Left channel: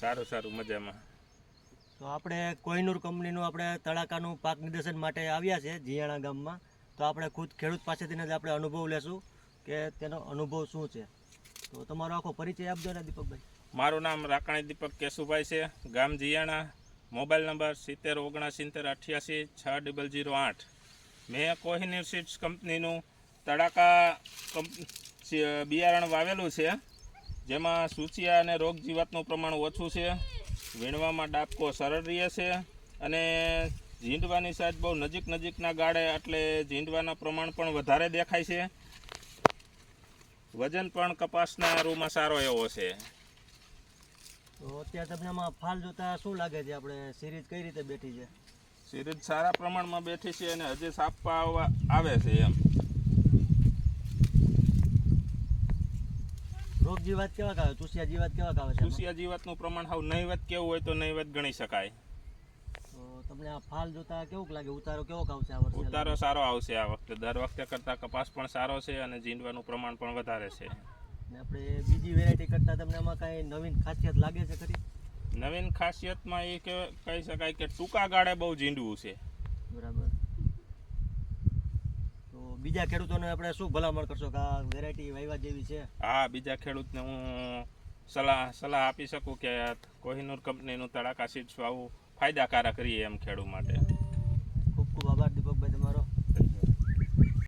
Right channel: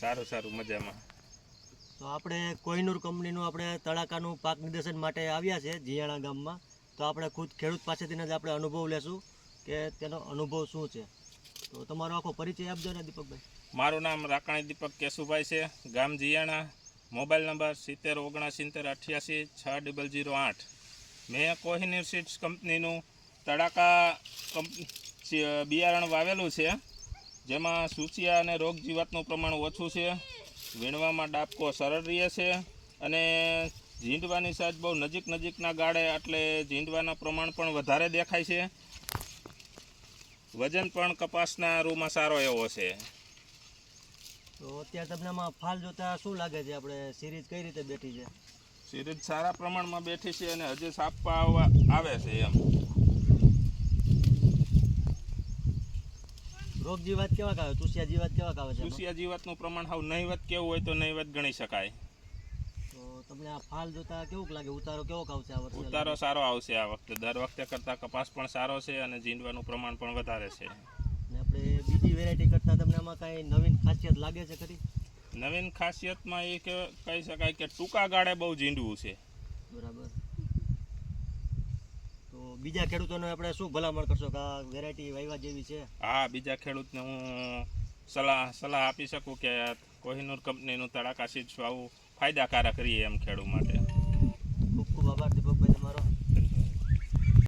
સારું સારું મજામાં. તો આપણે કોહિનૂર કંપનીનું આપણે તડાકાનું પાક નિદર્શન માટે આવ્યા છે જીયાણા ગામમાં. તો આપણે ખુદ ખેડૂત પાસેથી જ આપણે અનુભવ લેશું કે તેનો અનુભવ શું છે. તો તમારો આખો પરિચય આપજો ને દીપકભાઈ. મારું નામ રાકાણી દીપક કેશુભાઈ છે, ગામ જીયાણા, મોબાઈલ નંબર 7079886008. મેં કોહિનૂર સીડ્સ કંપનીનું તડાકા બિયારણ વાવેલું છે, જેમાં સૂચિયા અને રોગ જીવાતનું પ્રમાણ ઓછું છે, વીણવામાં ડાબકો સરળ રહે છે અને ઝીંડવાની સાઈઝ બહુ નજીકના ગાળે એટલે ઝીંડવાના પ્રમાણ પણ વધારે દેખાય છે. વજન પણ કપાસના રૂમાં સારો એવો છે. તો અત્યારે તમને આમાં ફાલ જોતા શું લાગે છે, આપણે સિરીઝ કઈ રીતે બેઠી છે? સિરીઝ સારા પ્રમાણમાં બેઠી છે અને હજી સાપવા આવે છે એમ. રોગ જીવાત કેવા આવે, ચૂસિયા જીવાત કેવા આવે છે? ચૂસિયા જીવાતનું પ્રમાણ હાવ નહીવત કેવું હોય તો નહીવત ગણી શકાય. તો તમને આ ફાલ જોતા કેવું લાગે, ઉતારો કેવો આવશે આ વર્ષે? ઉતારો સારો આવશે આ વખતે, દર વખતે કરતાં કપાસ પણ સારો છે અને ઝીંડવાનું પ્રમાણ પણ વધારે છે. ને આપણે બીજી વેરાયટી કરતાં તમને આમાં કાંઈ નવીન ખાસિયત લાગે છે ખરી? નવીન ખાસિયતમાં એ કહી શકાય કે ટૂંકા ગાળે બહુ ઝીંડવું છે. બરાબર. તો બીજા ખેડૂતોને આપણે શું ભલામણ કરશો કે આ વેરાયટી વાવ્યા જેવી છે? હા, બીજા ખેડૂતને હું સલાહ આપી શકું કે કોહિનૂર કંપનીનું તડાકા સીડ્સ વાવવું ફાયદાકારક રહીએ એમ ખેડૂત માટે. ખૂબ ખૂબ આભાર દીપક.